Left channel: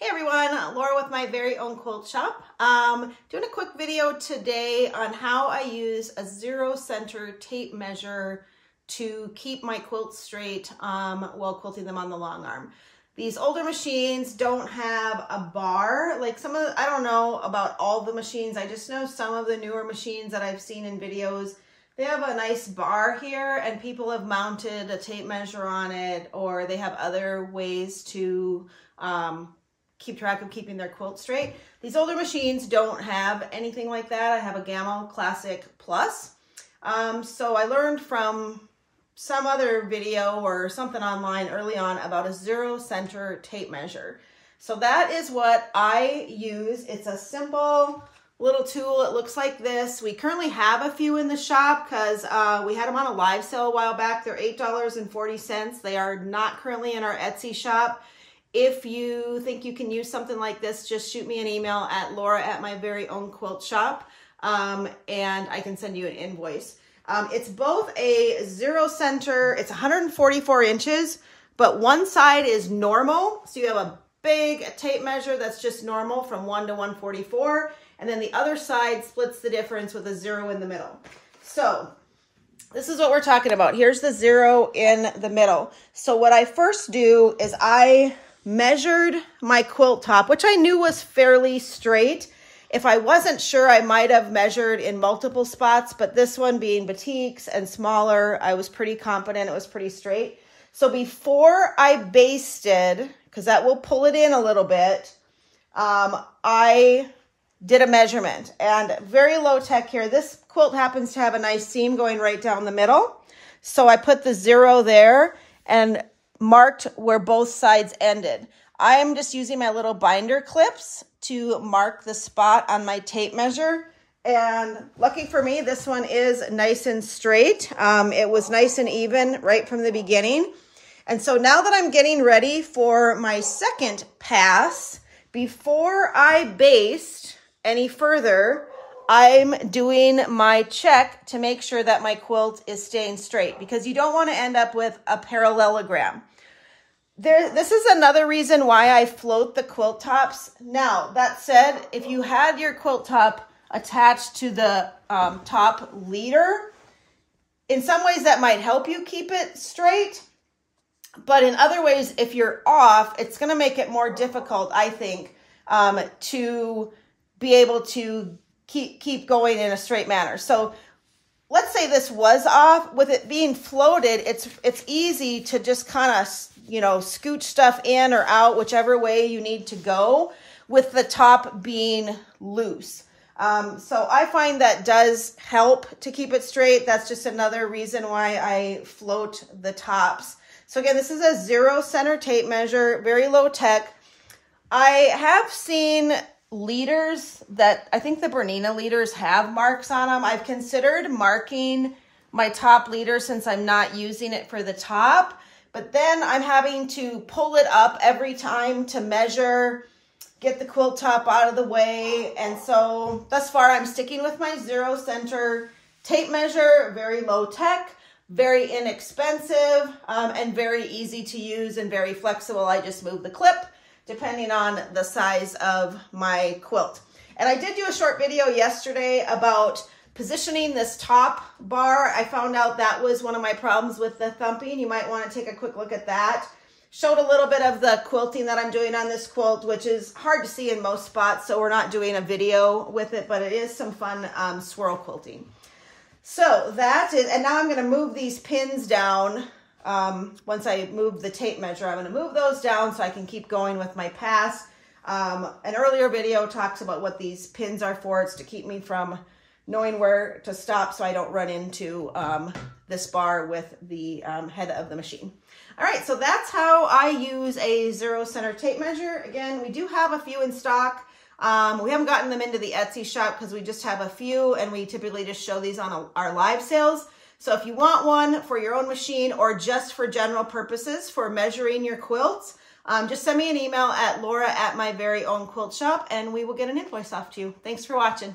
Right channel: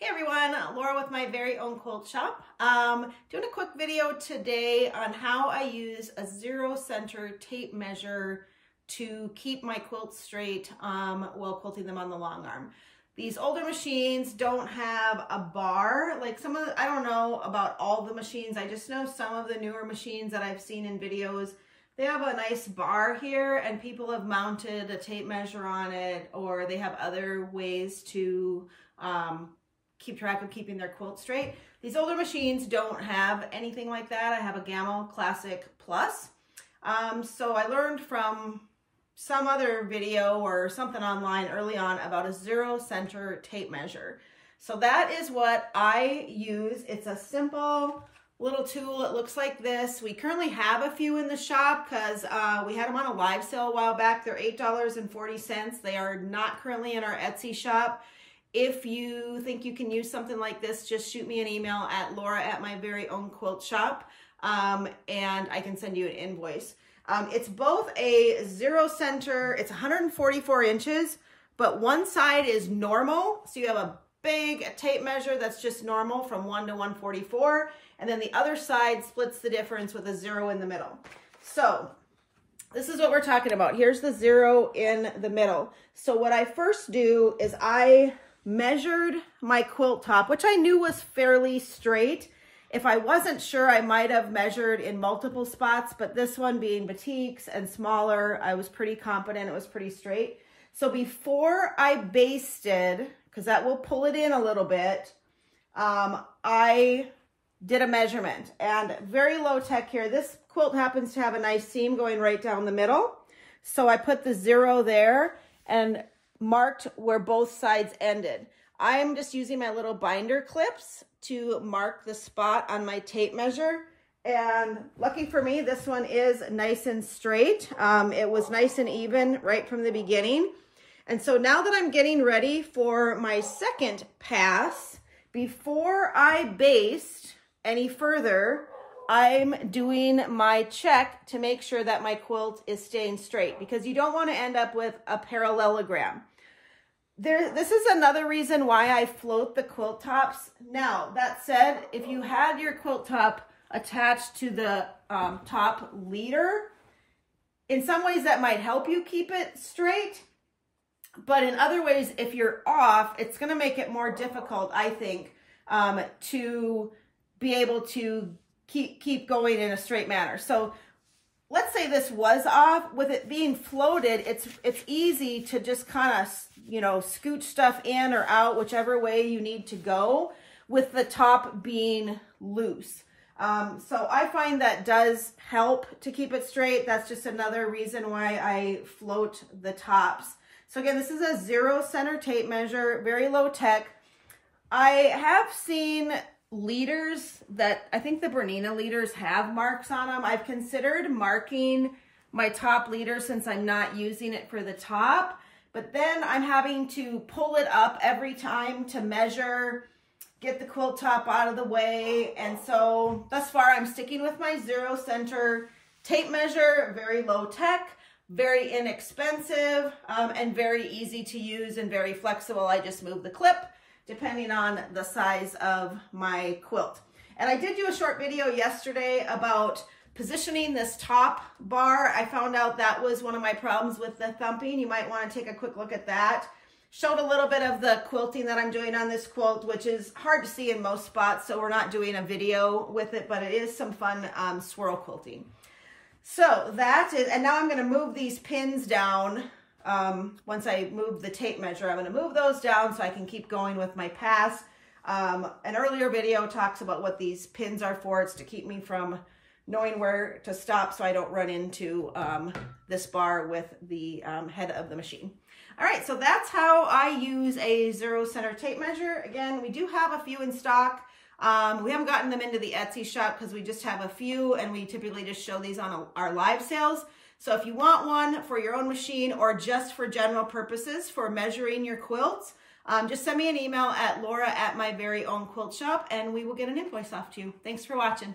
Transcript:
Hey everyone, Laura with my very own quilt shop. Doing a quick video today on how I use a 0 center tape measure to keep my quilts straight while quilting them on the long arm. These older machines don't have a bar, like some of, I don't know about all the machines, I just know some of the newer machines that I've seen in videos, they have a nice bar here and people have mounted a tape measure on it, or they have other ways to keep track of keeping their quilt straight. These older machines don't have anything like that. I have a Gamma Classic Plus. So I learned from some other video or something online early on about a 0 center tape measure. So that is what I use. It's a simple little tool. It looks like this. We currently have a few in the shop because we had them on a live sale a while back. They're $8.40. They are not currently in our Etsy shop. If you think you can use something like this, just shoot me an email at laura@myveryownquiltshop, and I can send you an invoice. It's both a 0 center, it's 144 inches, but one side is normal. So you have a big tape measure that's just normal from 1 to 144, and then the other side splits the difference with a 0 in the middle. So this is what we're talking about. Here's the 0 in the middle. So what I first do is I measured my quilt top, which I knew was fairly straight. If I wasn't sure, I might have measured in multiple spots, but this one being batiks and smaller, I was pretty confident it was pretty straight. So before I basted, because that will pull it in a little bit, I did a measurement, and very low tech here. This quilt happens to have a nice seam going right down the middle. So I put the 0 there and marked where both sides ended. I am just using my little binder clips to mark the spot on my tape measure. And lucky for me, this one is nice and straight. It was nice and even right from the beginning. And so now that I'm getting ready for my second pass, before I baste any further, I'm doing my check to make sure that my quilt is staying straight, because you don't want to end up with a parallelogram. This is another reason why I float the quilt tops. Now, that said, if you had your quilt top attached to the top leader, in some ways that might help you keep it straight. But in other ways, if you're off, it's going to make it more difficult, I think, to be able to keep going in a straight manner. So let's say this was off. With it being floated, it's easy to just kind of, you know, scooch stuff in or out, whichever way you need to go, with the top being loose. So I find that does help to keep it straight. That's just another reason why I float the tops. So again, this is a 0 center tape measure, very low tech. I have seen leaders that, I think the Bernina leaders have marks on them. I've considered marking my top leader since I'm not using it for the top, but then I'm having to pull it up every time to measure, get the quilt top out of the way. And so thus far I'm sticking with my 0 center tape measure, very low tech, very inexpensive, and very easy to use and very flexible. I just move the clip depending on the size of my quilt. And I did do a short video yesterday about positioning this top bar. I found out that was one of my problems with the thumping. You might want to take a quick look at that. Showed a little bit of the quilting that I'm doing on this quilt, which is hard to see in most spots, so we're not doing a video with it, but it is some fun swirl quilting. So that is, and now I'm gonna move these pins down. Once I move the tape measure, I'm going to move those down so I can keep going with my pass. An earlier video talks about what these pins are for. It's to keep me from knowing where to stop so I don't run into this bar with the head of the machine. All right, so that's how I use a 0 center tape measure. Again, we do have a few in stock. We haven't gotten them into the Etsy shop because we just have a few, and we typically just show these on our live sales. So if you want one for your own machine or just for general purposes for measuring your quilts, just send me an email at laura@myveryownquiltshop and we will get an invoice off to you. Thanks for watching.